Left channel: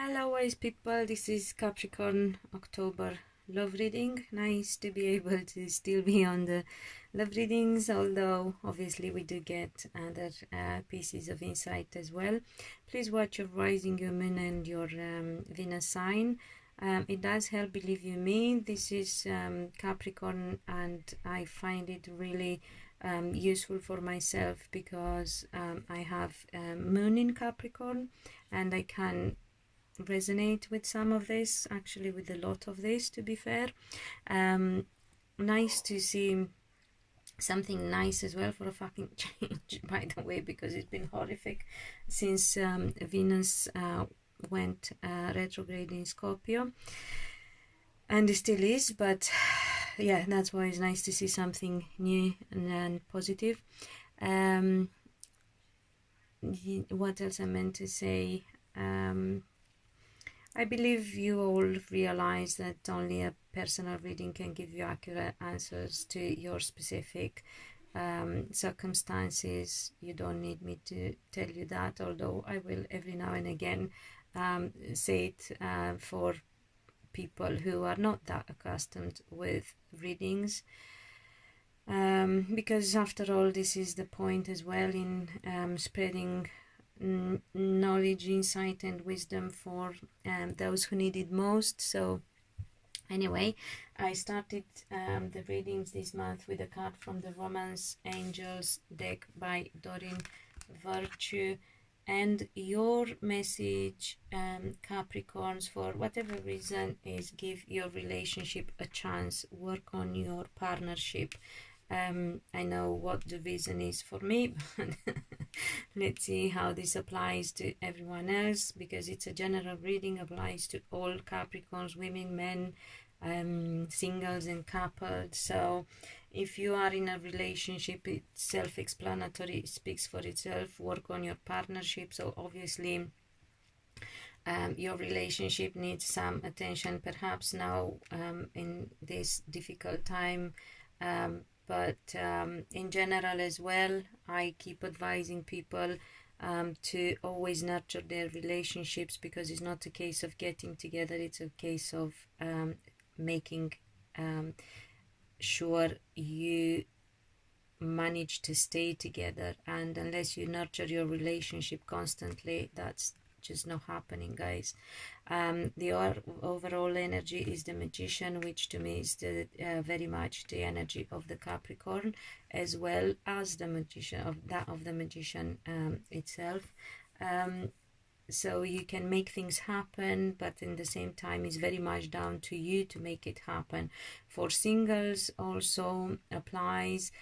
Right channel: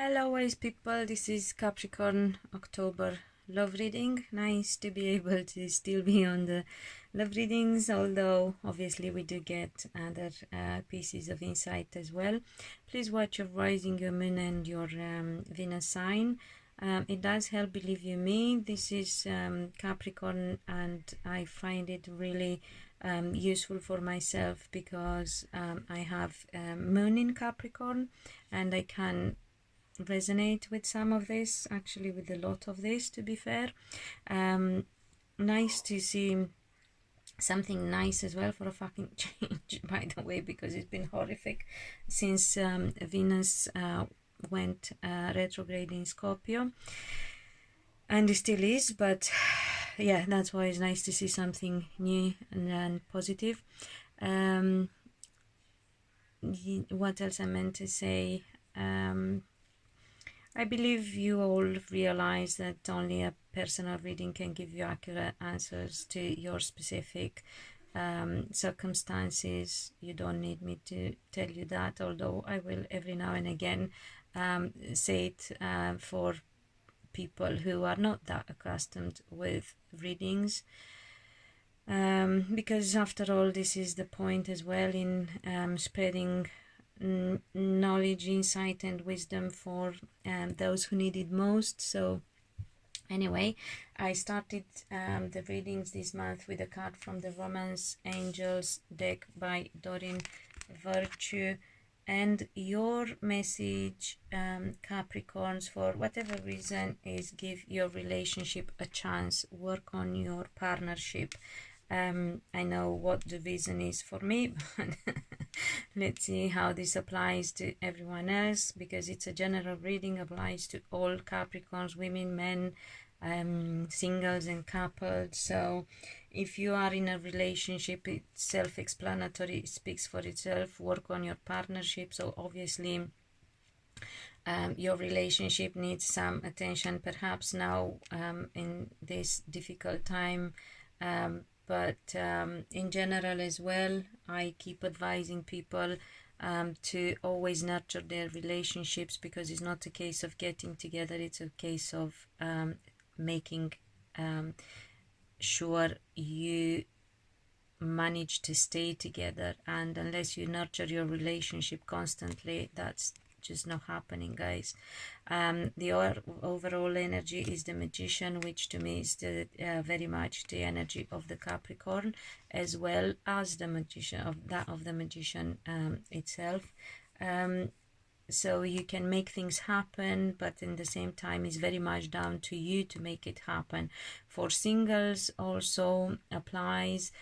Hello wise people, this is Capricorn October love reading. Nice to be able to still be on the love readings, although obviously we do get other pieces of insight as well. Please watch your rising, your moon and your Venus sign. It does help, believe you me. This is Capricorn, and I find it really useful for myself because I have moon in Capricorn, and I can resonate with some of this, actually with a lot of this, to be fair. Nice to see something nice as well for a fucking change, by the way, because it's been horrific since Venus went retrograde in Scorpio, and it still is, but yeah, that's why it's nice to see something new and positive. What else I meant to say? I believe you all realize that only a personal reading can give you accurate answers to your specific circumstances. You don't need me to tell you that, although I will every now and again say it for people who are not that accustomed with readings. Because after all, this is the point as well in spreading knowledge, insight and wisdom for those who need it most. So anyway, I started the readings this month with a card from the Romance Angels deck by Doreen Virtue, and your message, Capricorns, for whatever reason, is give your relationship a chance, work on your partnership. I know what the reason is for me, but let's see how this applies to everyone else, because it's a general reading, applies to all Capricorns, women, men, singles and couples. So if you are in a relationship, it's self-explanatory, it speaks for itself. Work on your partnership. So obviously your relationship needs some attention, perhaps now in this difficult time, but in general as well. I keep advising people to always nurture their relationships, because it's not a case of getting together, it's a case of making sure you manage to stay together. And unless you nurture your relationship constantly, that's just not happening, guys. The overall energy is the Magician, which to me is the very much the energy of the Capricorn, as well as the Magician of the Magician itself. So you can make things happen, but in the same time it's very much down to you to make it happen. For singles also applies.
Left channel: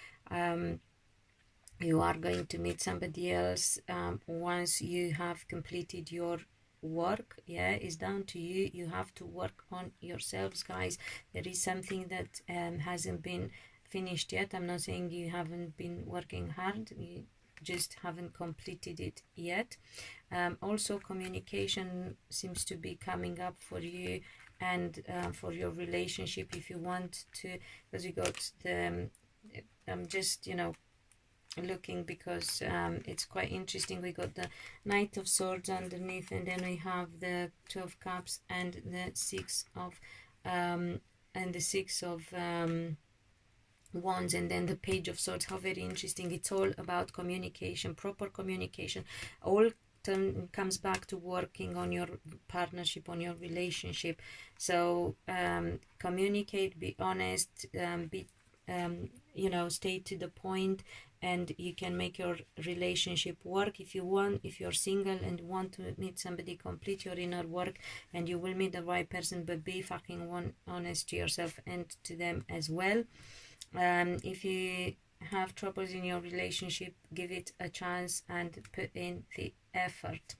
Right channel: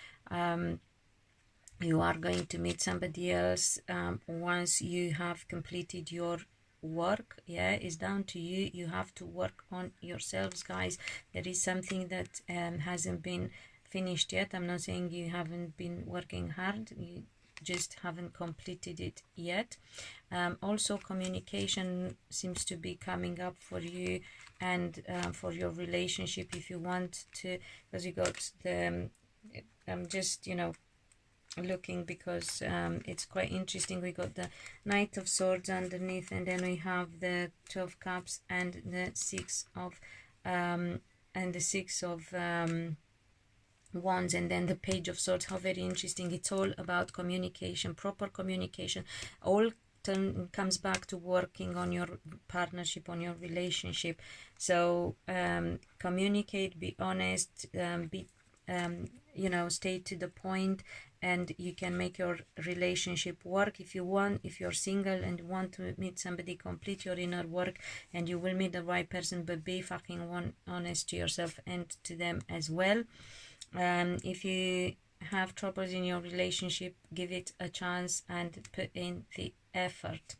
You are going to meet somebody else once you have completed your work. Yeah, it's down to you. You have to work on yourselves, guys. There is something that hasn't been finished yet. I'm not saying you haven't been working hard, you just haven't completed it yet. Also communication seems to be coming up for you and for your relationship, if you want to, because you got the I'm just, you know, looking, because it's quite interesting. We got the Knight of Swords underneath, and then we have the Two of Cups and the Six of Wands, and then the Page of Swords. How very interesting. It's all about communication, proper communication. All comes back to working on your partnership, on your relationship. So communicate, be honest, be you know, stay to the point, and you can make your relationship work. If you want, if you're single and want to meet somebody, complete your inner work and you will meet the right person, but be fucking honest to yourself and to them as well. If you have troubles in your relationship, give it a chance and put in the effort.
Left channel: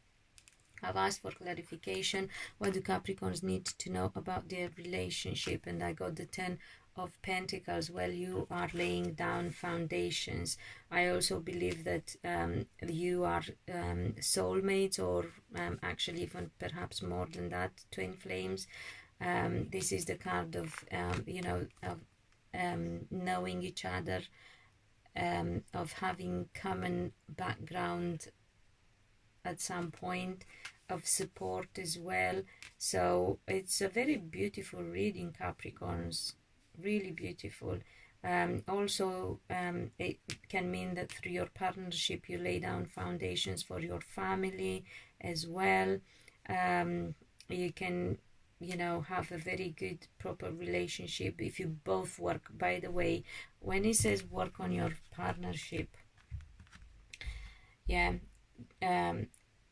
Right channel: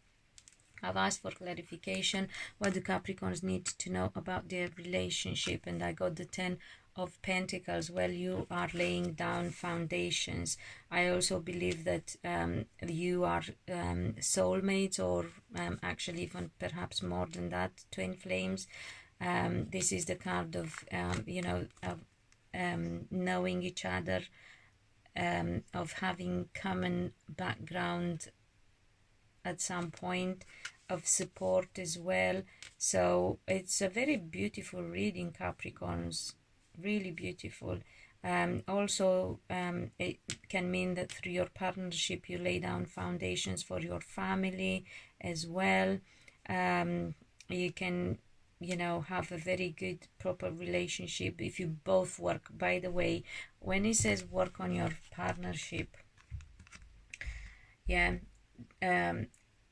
I've asked for clarification. What do Capricorns need to know about their relationship? And I got the 10 of Pentacles. Well, you are laying down foundations. I also believe that you are soulmates, or actually even perhaps more than that, twin flames. This is the card of you know, of knowing each other, of having common background at some point, of support as well. So it's a very beautiful reading, Capricorns, really beautiful. Also, it can mean that through your partnership you lay down foundations for your family as well. You can, you know, have a very good proper relationship if you both work. By the way, when it says work on your partnership, yeah,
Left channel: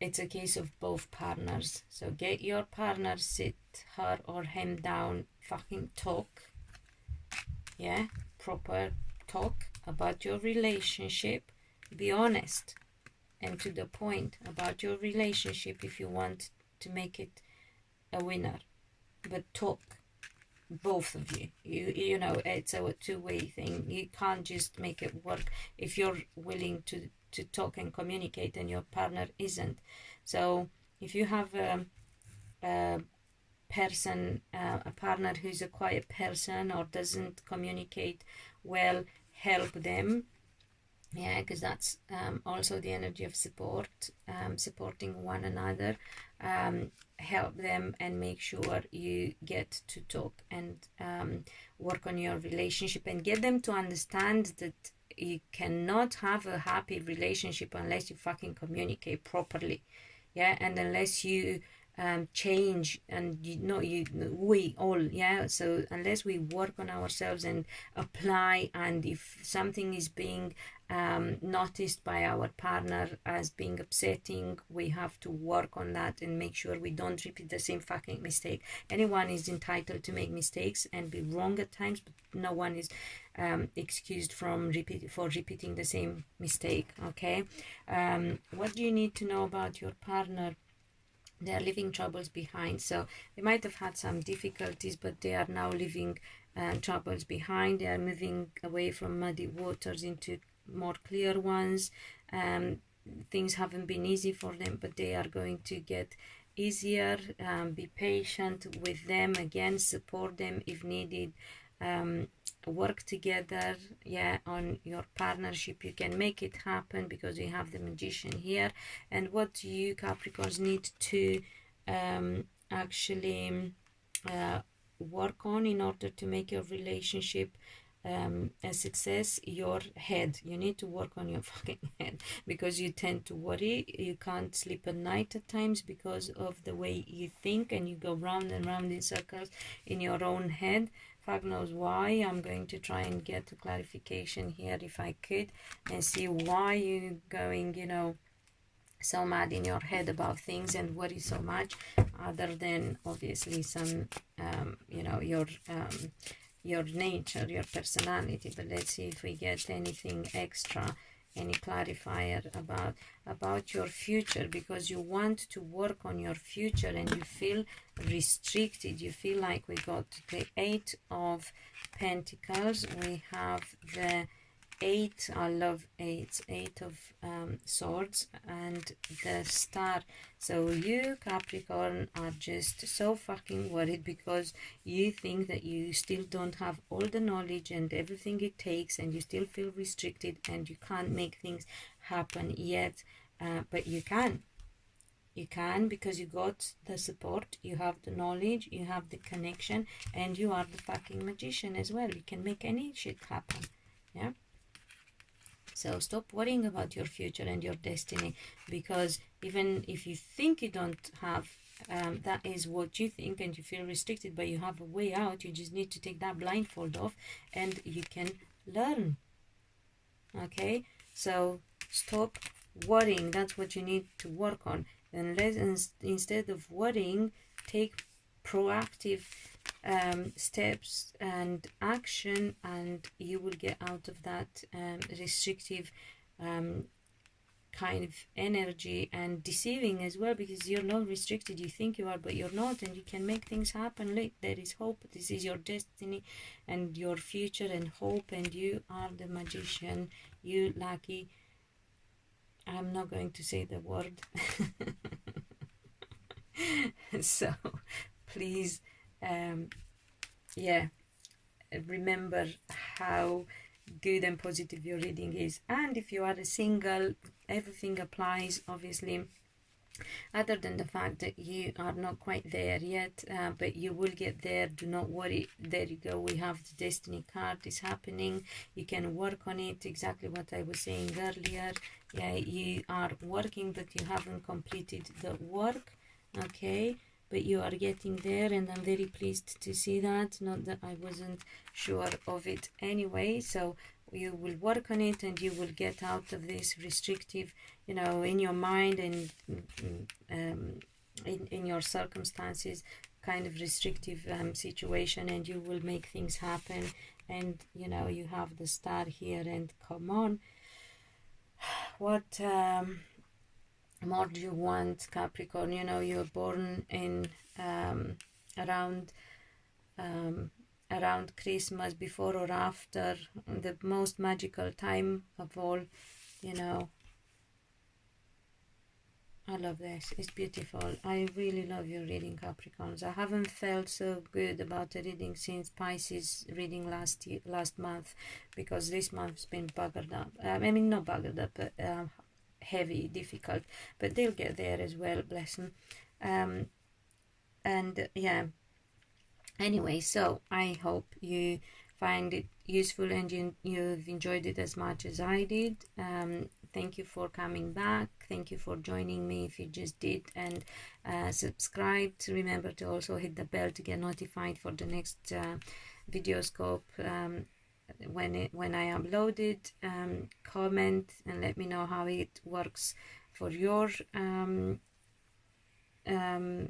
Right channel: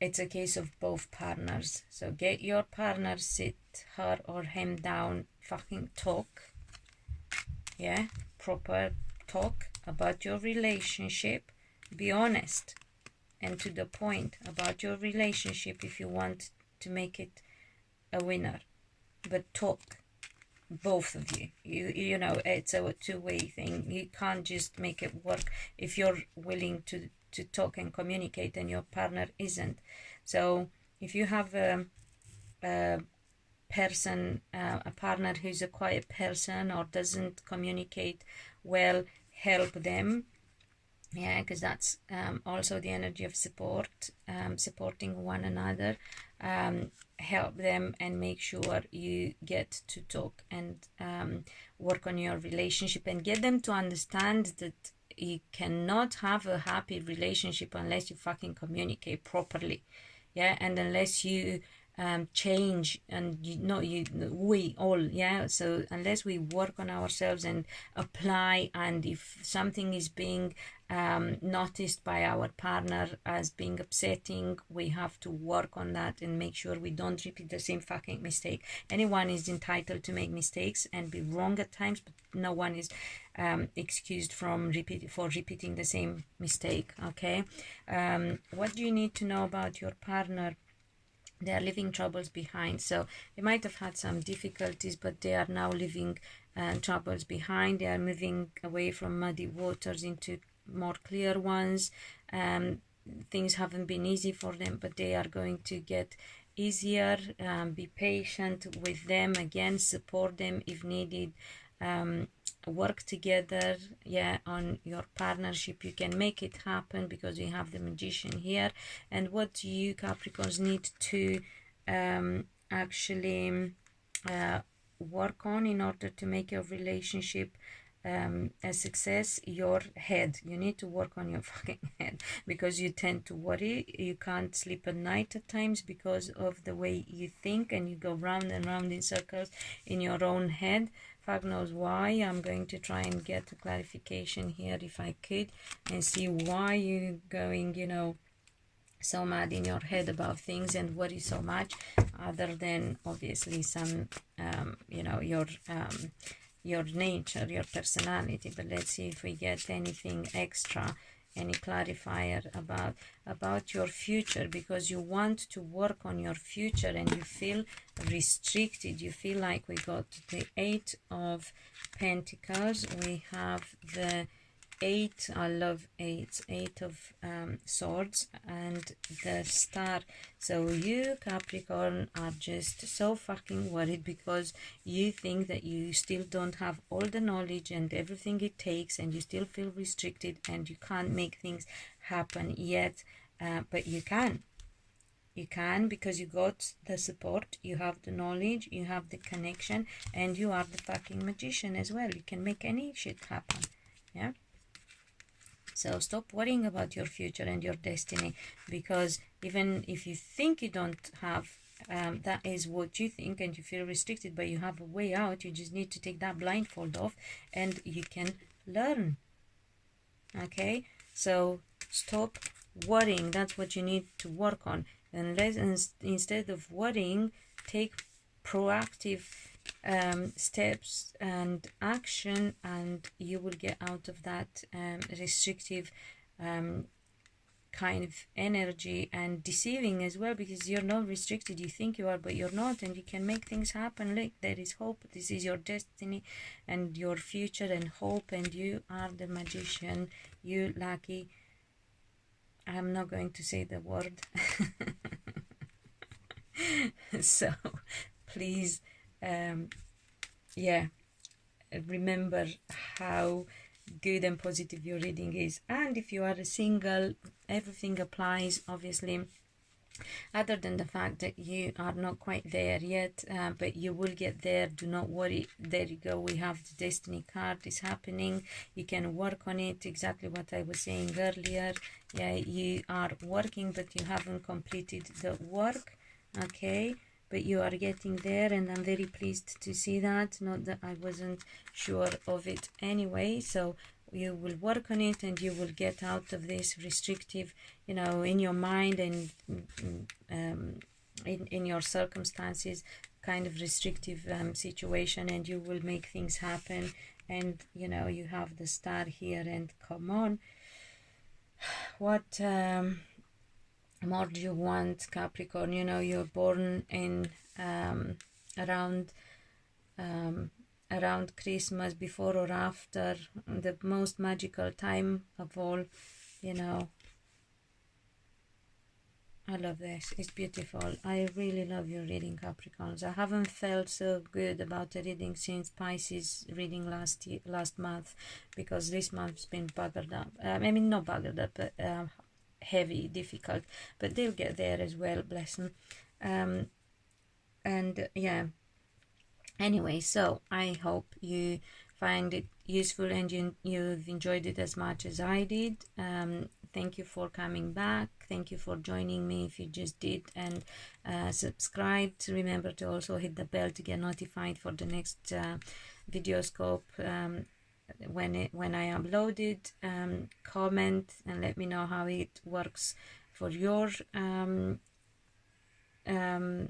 it's a case of both partners. So get your partner, sit her or him down, fucking talk, yeah, proper talk about your relationship. Be honest and to the point about your relationship if you want to make it a winner. But talk, both of you. You know, it's a two-way thing. You can't just make it work if you're willing to talk and communicate and your partner isn't. So if you have a person, a partner who's a quiet person or doesn't communicate well, help them, yeah, because that's also the energy of support, supporting one another. Help them and make sure you get to talk and work on your relationship and get them to understand that you cannot have a happy relationship unless you fucking communicate properly, yeah, and unless you change, and we all, yeah, so unless we work on ourselves and apply, and if something is being noticed by our partner as being upsetting, we have to work on that and make sure we don't repeat the same fucking mistake. Anyone is entitled to make mistakes and be wrong at times, but no one is excused from repeating the same mistake, okay? What do you need to know about your partner? They are leaving troubles behind. So they might have had some difficulties, but they are now leaving troubles behind. They are moving away from muddy waters into more clear ones. Things haven't been easy for them, but they are going to get easier. Be patient with them, again, support them if needed. Work together, yeah, on your partnership. You can make it happen because we have the Magician here. And what you Capricorns need to actually work on in order to make your relationship a success, your head. You need to work on your fucking head, because you tend to worry. You can't sleep at night at times because of the way you think, and you go round and round in circles in your own head. Fuck knows why. I'm going to try and get a clarification here if I could, and see why you're going, you know, so mad in your head about things and worry so much, other than obviously some you know, your nature, your personality. But let's see if we get anything extra, any clarifier about your future, because you want to work on your future and you feel restricted. You feel like we got the 8 of Pentacles, we have the 8, I love 8 of Swords, and the Star. So you Capricorn are just so fucking worried because you think that you still don't have all the knowledge and everything it takes, and you still feel restricted and you can't make things happen yet. But you can. You can, because you got the support, you have the knowledge, you have the connection, and you are the fucking Magician as well. You can make any shit happen, yeah? So stop worrying about your future and your destiny, because even if you think you don't have, that is what you think, and you feel restricted, but you have a way out. You just need to take that blindfold off and you can learn, okay? So stop worrying. That's what you need to work on. And instead of worrying, take proactive steps and action, and you will get out of that restrictive kind of energy and deceiving as well, because you're not restricted. You think you are, but you're not, and you can make things happen. Look, there is hope. This is your destiny and your future and hope, and you are the Magician. You lucky. I'm not going to say the word. So please, yeah, remember how good and positive your reading is. And if you are a single, everything applies. Obviously other than the fact that you are not quite there yet, but you will get there. Do not worry. There you go, we have the destiny card is happening. You can work on it, exactly what I was saying earlier. Yeah, you are working, but you haven't completed the work, okay, but you are getting there, and I'm very pleased to see that. Not that I wasn't sure of it anyway. So you will work on it, and you will get out of this restrictive, you know, in your mind and in your circumstances, kind of restrictive situation, and you will make things happen. And you know, you have the star here, and come on, what more do you want, Capricorn? You know, you're born in around Christmas, before or after, the most magical time of all, you know. I love this. It's beautiful. I really love your reading, Capricorns. I haven't felt so good about a reading since Pisces reading last month, because this month's been buggered up. I mean, not buggered up, but heavy, difficult. But they'll get there as well, bless them. And yeah. Anyway, so I hope you find it useful and you've enjoyed it as much as I did. Thank you for coming back. Thank you for joining me if you just did, and subscribed. Remember to also hit the bell to get notified for the next Videoscope when I upload it. Comment and let me know how it works for your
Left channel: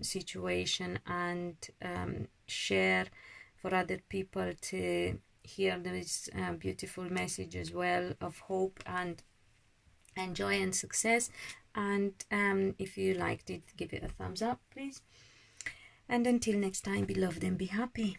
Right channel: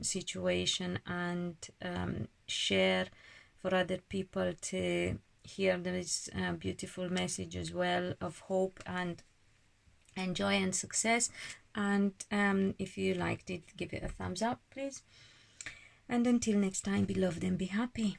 situation, and share for other people to hear this beautiful message as well, of hope and joy and success. And if you liked it, give it a thumbs up, please. And until next time, be loved and be happy.